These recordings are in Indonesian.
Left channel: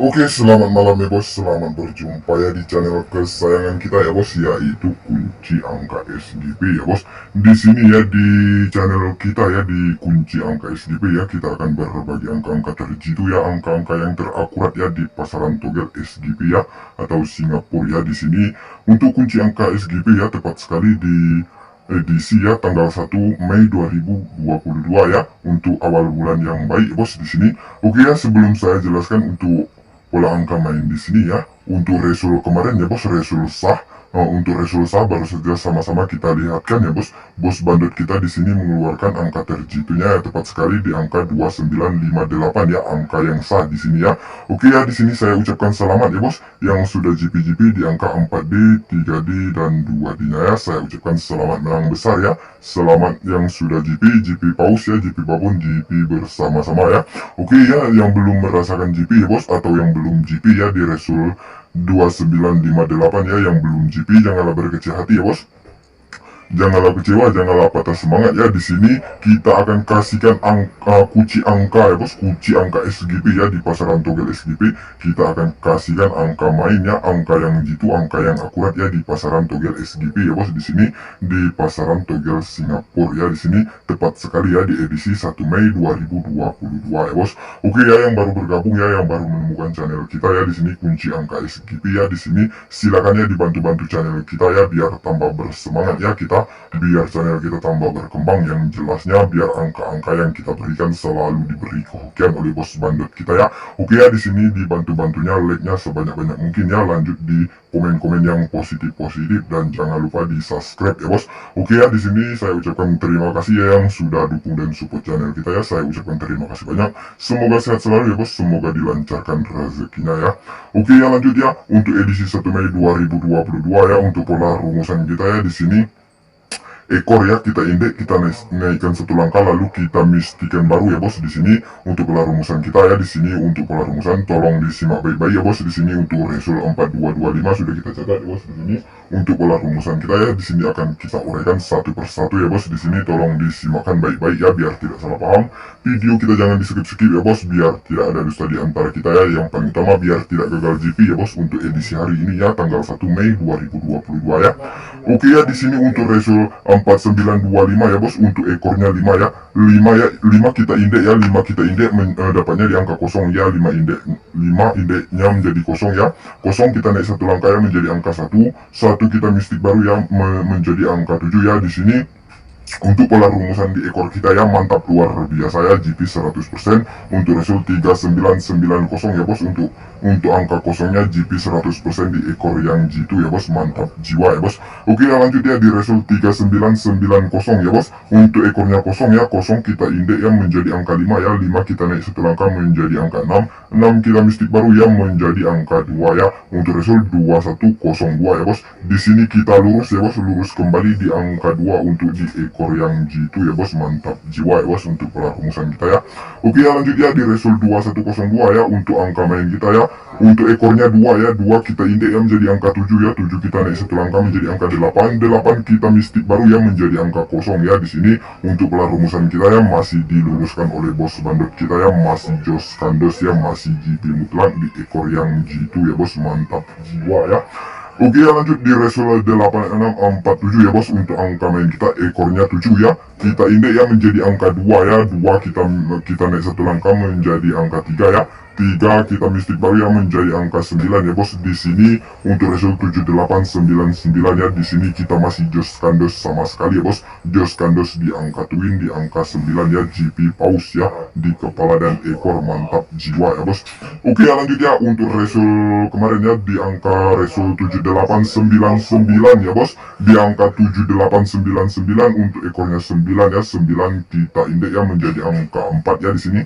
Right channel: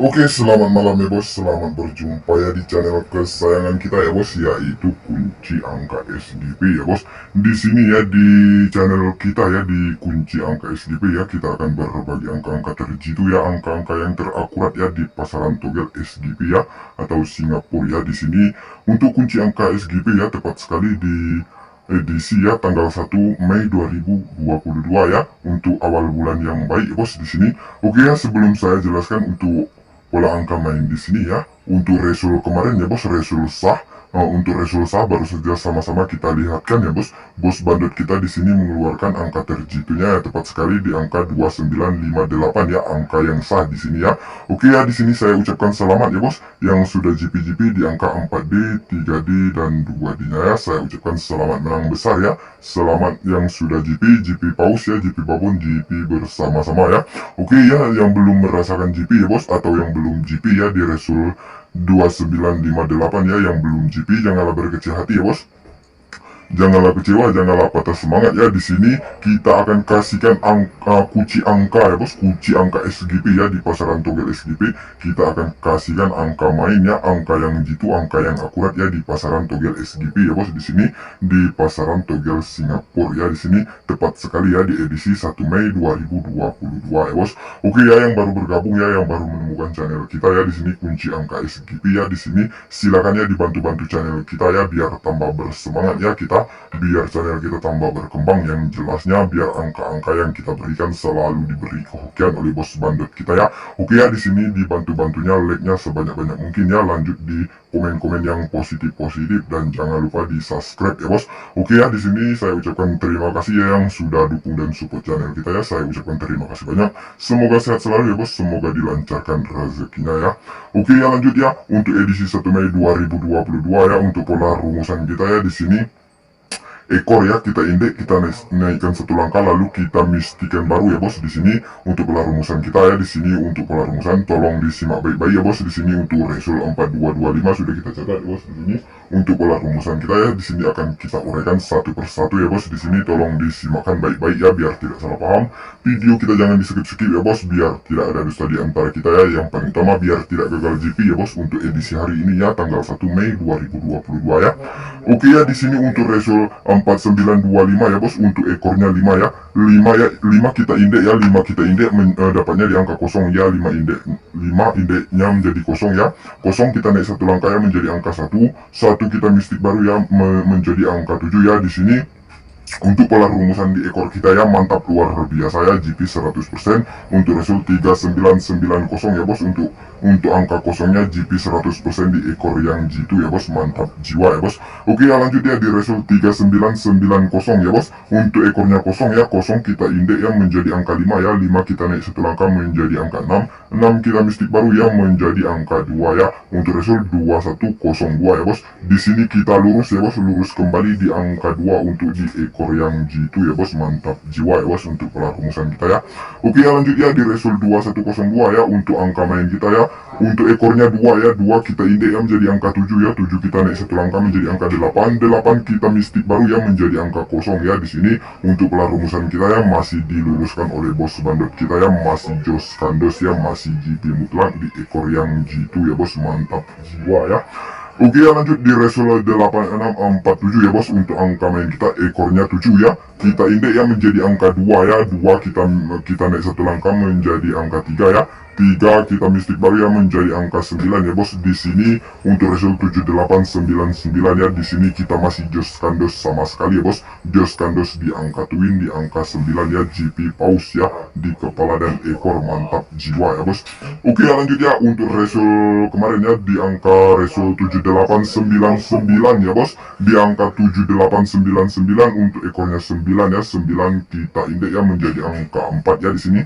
Oke, selamat malam ya bos. Selamat berjumpa ya di channel kesayangan kita ya bos, yaitu kunci angka SGP ya bos. Di sini ya di channel kita ya di kunci angka SGP ya, kita akan berbagi angka-angka terjitu ya, angka-angka yang terakurat ya di pasaran togel SGP ya atau Singapura ya. Di sini untuk kunci angka SGP ya, tepat sekali di edisi ya tanggal 1 Mei 2022 ya, untuk awal bulan yang baik ya bos di sini. Oke ya, sebelum saya jelaskan untuk pola angka main di sini ya, untuk resul kemarin ya bos, resul sah. Untuk resul sah baru saja sama-sama kita lihatkan ya bos. Bos bandot kita di sini mengeluarkan angka terjitunya ya, tepat sekali di angka 2958 ya, angka yang sah di sini ya. Oke ya, di sini saya ucapkan selamat ya bos yang sudah GP-GP di angka 4D, 3D dan 2D-nya ya. Saya ucapkan selamat menang besar ya. Selamat yang sudah GP paus ya, GP babon, GP bersama-sama ya. Oke ya, yang belum merasakan GP ya bos, atau yang belum GP ya di resul 2958 ya, yang belum GP janganlah berkecil hati ya bos. Janganlah kecewa, janganlah patah semangat ya. Di sini kita akan kasihkan kunci angka ya bos, kunci angka SGP ya di pasaran togel SGP. Kita akan kasihkan angka mainnya, angka yang jitu, angka yang akurat ya di pasaran togel SGP ya bos. Di sini di pasaran togel Singapura ya, di sini tepat sekali ya di edisi 1 Mei 2022 ya bos. Oke ya, yang baru bergabung ya, yang baru menemukan channel kita ya, di sini kunci angka SGP ya. Di sini silakan ya dibantu-bantu channel kita ya, biar tambah bersemangat ya kita, biar channel kita tambah berkembang. Yang jelasnya biar angka-angka yang kita berikan selalu diberi kehokian oleh bos bandot kita ya. Oke ya, di sini dibantu-bantunya like-nya sebanyak-banyak mungkin ya, lanjut di komen-komen yang positif-positif dan jangan lupa di subscribe ya bos. Oke ya, di sini saya ucapkan terima kasih ya yang sudah dukung dan support channel kita ya. Saya ucapkan terima kasih banyak. Semoga sehat selalu ya bos, semoga dilancarkan rezekinya ya. Oke ya, lanjut ya untuk edisi 1 Mei 2022 ya, untuk pola rumusan kita ya. Di sini ekor ya, kita indek, kita naikkan satu langkah lalu kita mistikan baru ya bos. Di sini untuk pola rumusan kita ya, di sini untuk pola rumusan tolong disimak baik-baik ya bos. Di sini untuk resul 4225 sudah kita catat ya bos. Di sini untuk pola rumusan kita ya, di sini akan kita uraikan satu persatu ya bos. Di sini tolong disimakkan baik-baik ya biar tidak salah paham. Video kita jangan di skip-skip ya bos, biar tidak ada dusta di antara kita ya. Yang paling utama biar tidak gagal GP ya bos untuk edisi hari ini ya, tanggal 1 Mei 2022 ya. Oke ya, di sini untuk resul 4925 ya bos, untuk ekornya 5 ya. 5 ya, 5 kita indek ya, 5 kita indek dapatnya di angka kosong ya, 5 indek, 5 indeknya menjadi kosong ya. Kosong kita naik satu langkah ya menjadi angka 1. 1 kita mistik baru ya menjadi angka 7 ya. Di sini untuk pola rumusan di ekor kita ya, mantap luar biasa ya, GP 100%. Untuk resul 3990 ya bos, untuk angka kosongnya GP 100% di ekor yang jitu ya bos, mantap jiwa ya bos. Oke ya, lanjut ya di resul 3990 ya bos, untuk ekornya kosong ya, kosong kita indek ya menjadi angka 5 ya, 5 kita naik satu langkah menjadi angka 6, 6 kita mistik baru ya menjadi angka 2 ya. Untuk resul 2102 ya bos. Di sini kita lurus ya bos, lurus kembali di angka 2 untuk di ekor yang jitu ya bos, mantap jiwa ya bos untuk pola rumusan kita ya. Oke ya, lanjut ya di resul 2102 ya, untuk angka main kita ya. Untuk ekornya 2 ya, 2 kita indek ya menjadi angka 7 ya, 7 kita naik satu langkah menjadi angka 8, 8 kita mistik baru ya menjadi angka kosong ya. Di sini untuk pola rumusan kita ya masih diluruskan oleh bos bandot kita ya, masih jos kandos ya, masih GP mutlak di ekor yang jitu ya bos, mantap jiwa ya. Oke ya, lanjut di resul 8647 ya bos, untuk angka main kita ekornya 7 ya, kita indek ya menjadi angka 2 ya, 2 kita naik satu langkah menjadi angka 3 ya, 3 kita mistik baru ya menjadi angka 9 ya bos. Di sini untuk resul 7899 ya, di sini kita masih jos kandos sama sekali ya bos, jos kandos di angka twin di angka 9 ya, GP paus ya di kepala dan ekor, mantap jiwa ya bos. Oke ya, lanjut ya untuk resul kemarin ya, di angka resul 7899 ya bos, di angka 7899 untuk ekornya 9 ya, 9 kita indek ya menjadi angka 4 ya. Di sini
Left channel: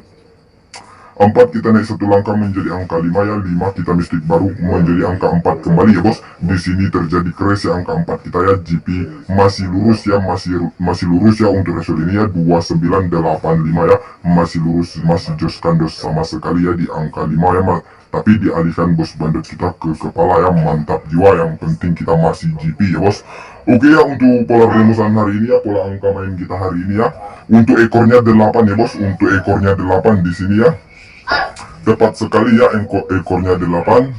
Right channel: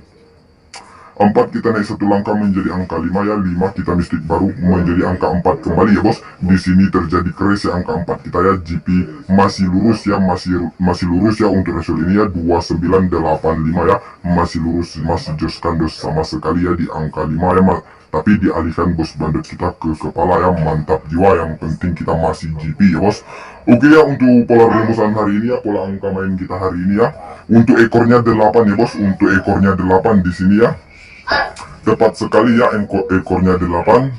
4 kita naik satu langkah menjadi angka 5 ya, 5 kita mistik baru menjadi angka 4 kembali ya bos. Di sini terjadi crash ya, angka 4 kita ya, GP masih lurus ya, masih lurus ya untuk resul ini ya, 2985 ya, masih lurus, masih jos kandos sama sekali ya di angka 5 ya, tapi dialihkan bos bandot kita ke kepala ya, mantap jiwa. Yang penting kita masih GP ya bos. Oke ya, untuk pola rumusan hari ini ya, pola angka main kita hari ini ya, untuk ekornya 8 ya bos, untuk ekornya 8 di sini ya. tepat sekali ya, ekornya 8.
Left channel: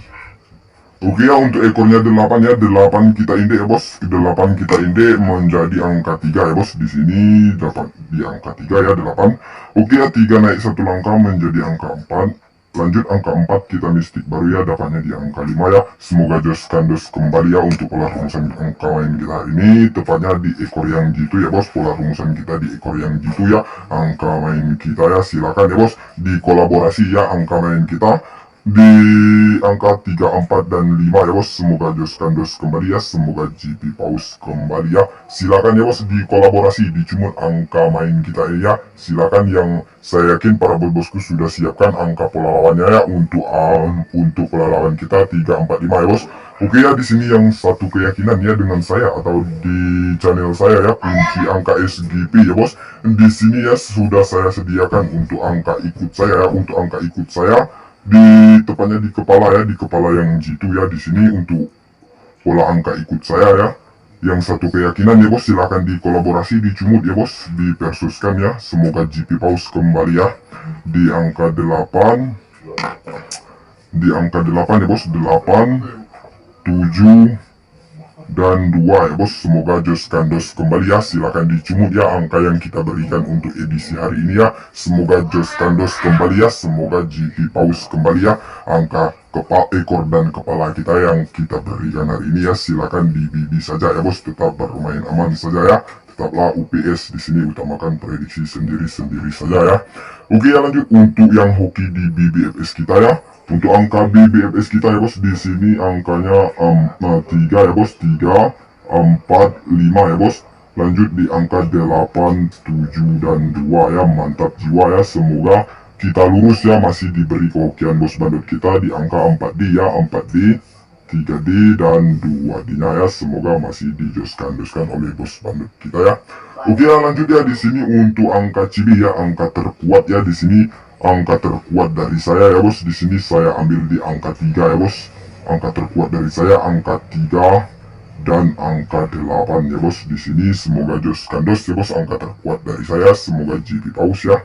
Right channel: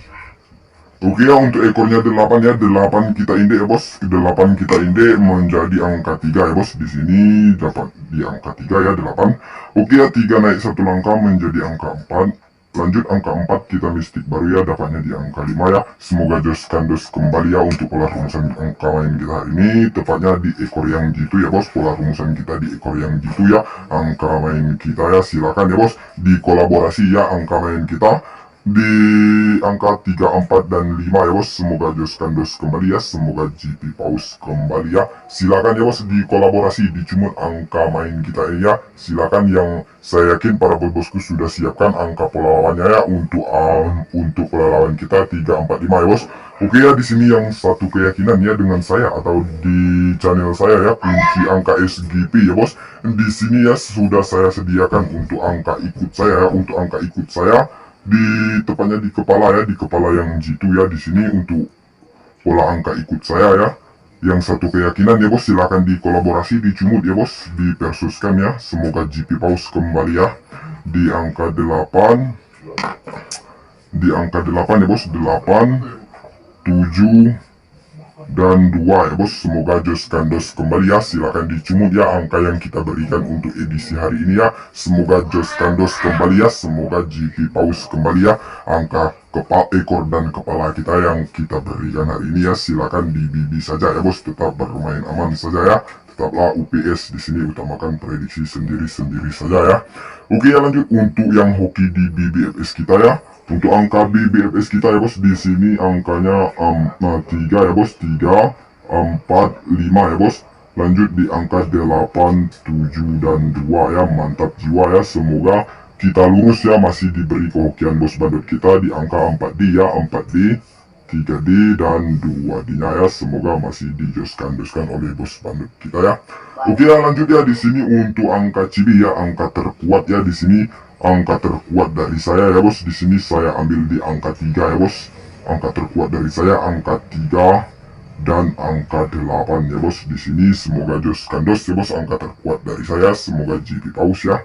Oke ya, untuk ekornya 8 ya, 8 kita indek ya bos, 8 kita indek menjadi angka 3 ya bos. Di sini dapat di angka 3 ya, 8. Oke ya, 3 naik 1 langkah menjadi angka 4. Lanjut angka 4 kita mistik baru ya, dapatnya di angka 5 ya. Semoga jos kandos kembali ya untuk pola rumusan angka main kita hari ini, tepatnya di ekor yang jitu ya bos. Pola rumusan kita di ekor yang jitu ya, angka main kita ya. Silakan ya bos di kolaborasi ya angka main kita di angka 3, 4, dan 5 ya bos. Semoga jos kandos kembali ya, semoga GP Paus kembali ya. Silakan ya bos di kolaborasi dicumut angka main kita ya. Silakan, yang saya yakin para bosku sudah siapkan angka pola lawannya ya untuk pola lawan kita 3, 4, 5 ya bos. Oke ya, di sini yang satu keyakinan ya dengan saya atau di channel saya ya, kunci angka SGP ya bos. Di sini ya sudah saya sediakan untuk angka ikut saya ya, untuk angka ikut saya di tepatnya di kepala ya, di kepala yang jitu ya. Di sini untuk pola angka ikut saya ya, yang satu keyakinan ya bos. Silakan dikolaborasi, dicumut ya bos, dipersuskan ya. Semoga GP Paus kembali ya di angka 8, di angka 8 ya bos. 8, 7, dan 2 ya bos. Semoga jos kandos kembali ya. Silakan dicumut ya angka yang kita berikan untuk edisi hari ini ya. Semoga jos kandos kembali ya, semoga GP Paus kembali ya. Angka kepala, ekor dan kepala kita yang kita berikan hari ini ya. Silakan dibibi saja ya bos, tetap bermain aman saja ya. Tetaplah UPS, di sini utamakan prediksi sendiri-sendiri saja ya. Oke ya, lanjut untuk yang hoki di BBFS kita ya. Untuk angka BBFS kita ya bos, di sini angkanya 3 ya bos, 3, 4, 5 ya bos. Lanjut di angka 8, 7, dan 2 ya. Mantap jiwa ya, semoga kita lurus ya, masih diberi kehokian bos bandot kita di angka 4D ya, 4D, 3D, dan 2D nya ya. Semoga masih dijoskan oleh bos bandot kita ya. Oke ya, lanjut ya, di sini untuk angka cibi ya, angka terkuat ya. Di sini angka terkuat dari saya ya bos. Di sini saya ambil di angka 3 ya bos. Angka terkuat dari saya angka 3 dan angka 8 ya bos. Di sini semoga jos kandos ya bos, angka terkuat dari saya. Semoga GP Paus ya.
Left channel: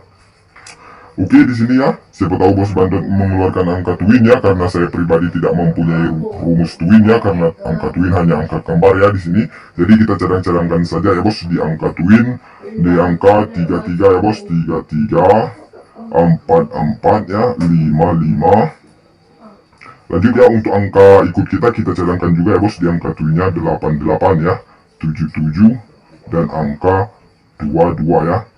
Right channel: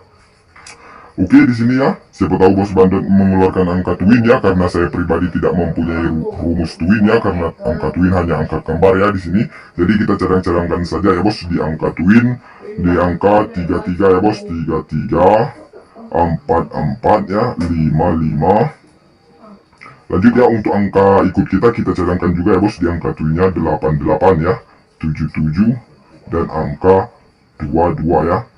Oke, di sini ya, siapa tahu bos bandot mengeluarkan angka twin ya, karena saya pribadi tidak mempunyai rumus twin ya, karena angka twin hanya angka kembar ya di sini. Jadi kita cadang-cadangkan saja ya bos di angka twin, di angka 33 ya bos, 33, 44 ya, 55. Lanjut ya, untuk angka ikut kita cadangkan juga ya bos di angka twinnya 88 ya, 77, dan angka 22 ya.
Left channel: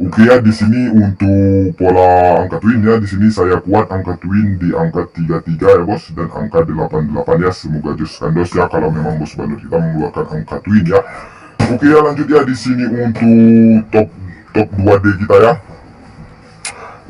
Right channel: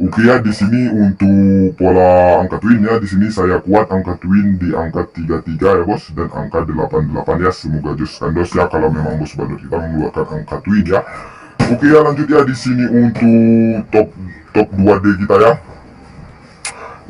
Oke ya, di sini untuk pola angka twin ya, di sini saya kuat angka twin di angka 33 ya bos, dan angka 88 ya. Semoga jos kandos ya kalau memang bos bandot kita mengeluarkan angka twin ya. Oke ya, lanjut ya, di sini untuk top 2D kita ya.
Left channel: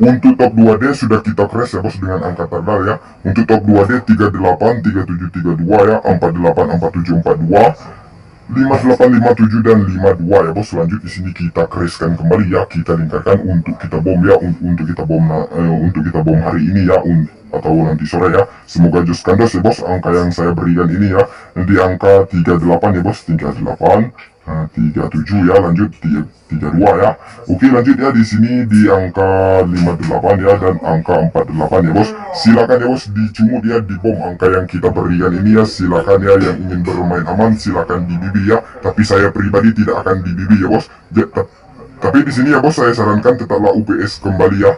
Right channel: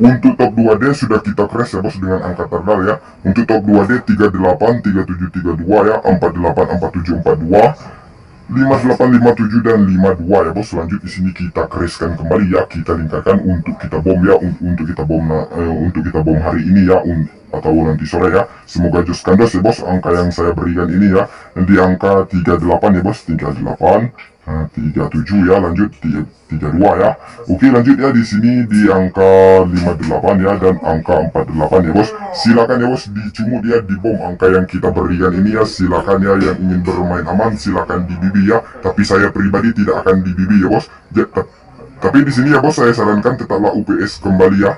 Untuk top 2D sudah kita crash ya bos dengan angka terdal ya. Untuk top 2D 38, 37, 32 ya, 48, 47, 42. 58, 57, dan 52 ya bos. Lanjut di sini kita crashkan kembali ya, kita lingkarkan untuk kita bom ya, untuk kita bom hari ini ya, atau nanti sore ya. Semoga jos kandos ya bos angka yang saya berikan ini ya, di angka 38 ya bos, 38, 37 ya. Lanjut 32 ya. Oke, lanjut ya, di sini di angka 58 ya, dan angka 48 ya bos. Silakan ya bos dicumut ya, di bom angka yang kita berikan ini ya. Silakan ya, yang ingin bermain aman silakan dibibi ya, tapi saya pribadi tidak akan dibibi ya bos. Tapi di sini ya bos, saya sarankan tetaplah UPS kembali ya.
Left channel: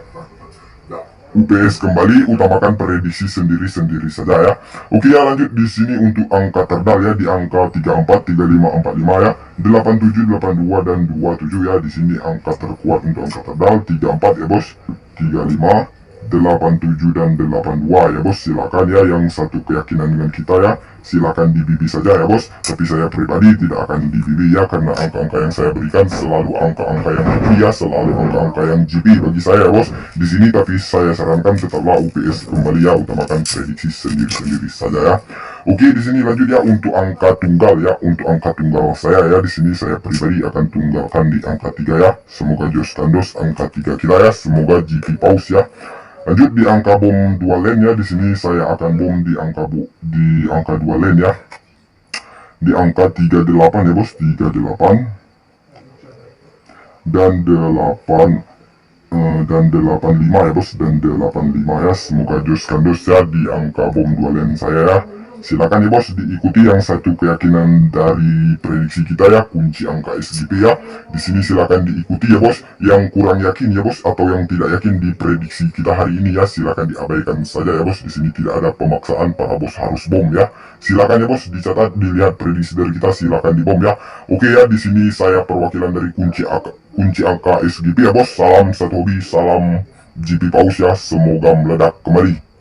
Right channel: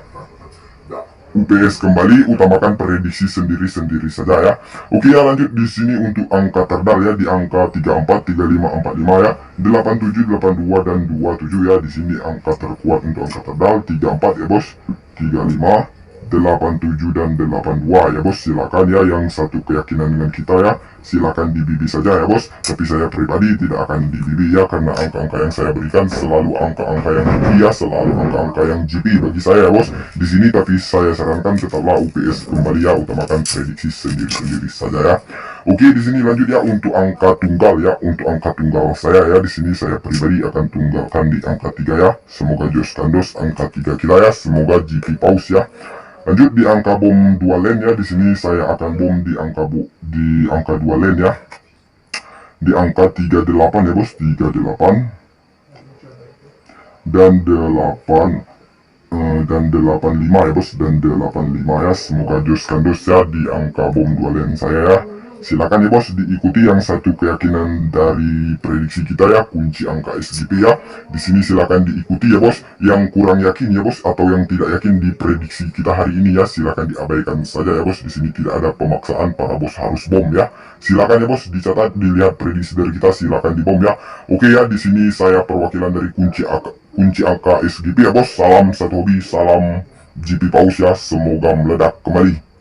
UPS kembali, utamakan prediksi sendiri-sendiri saja ya. Oke ya, lanjut di sini untuk angka terdal ya, di angka 34, 35, 45 ya, 87, 82, dan 27 ya. Di sini angka terkuat untuk angka terdal 34 ya bos, 35, 87, dan 82 ya bos. Silakan ya, yang satu keyakinan dengan kita ya, silakan dibibi saja ya bos. Tapi saya pribadi tidak akan dibibi ya, karena angka-angka yang saya berikan selalu angka-angka yang GP ya, selalu angka-angka yang GP bagi saya ya bos di sini. Tapi saya sarankan tetaplah UPS kembali ya, utamakan prediksi sendiri-sendiri saja ya. Oke, di sini lanjut ya untuk angka tunggal ya. Untuk angka tunggal saya ya, di sini saya pribadi akan tunggalkan di angka 3 ya. Semoga jos kandos angka 3 kita ya, semoga GP Paus ya. Lanjut di angka bom 2 lane ya, di sini saya akan bom di angka 2 lane ya. Di angka 38 ya bos, 38 dan 8 dan 85 ya bos, dan 85 ya. Semoga jos kandos ya di angka bom 2 len saya ya. Silakan ya bos diikuti yang satu keyakinan dari prediksi kita ya, kunci angka SGP ya. Di sini silakan diikuti ya bos. Yang kurang yakin ya bos atau yang tidak yakin di prediksi kita hari ini ya, silakan diabaikan saja ya bos. Di sini tidak ada pemaksaan para bos harus bom ya. Silakan ya bos dicatat, dilihat prediksi dari kita, silakan dibom ya. Oke ya, di sini saya perwakilan dari kunci angka SGP ya bos. Salam satu hobi, salam GP Paus ya. Semoga meledak kembali.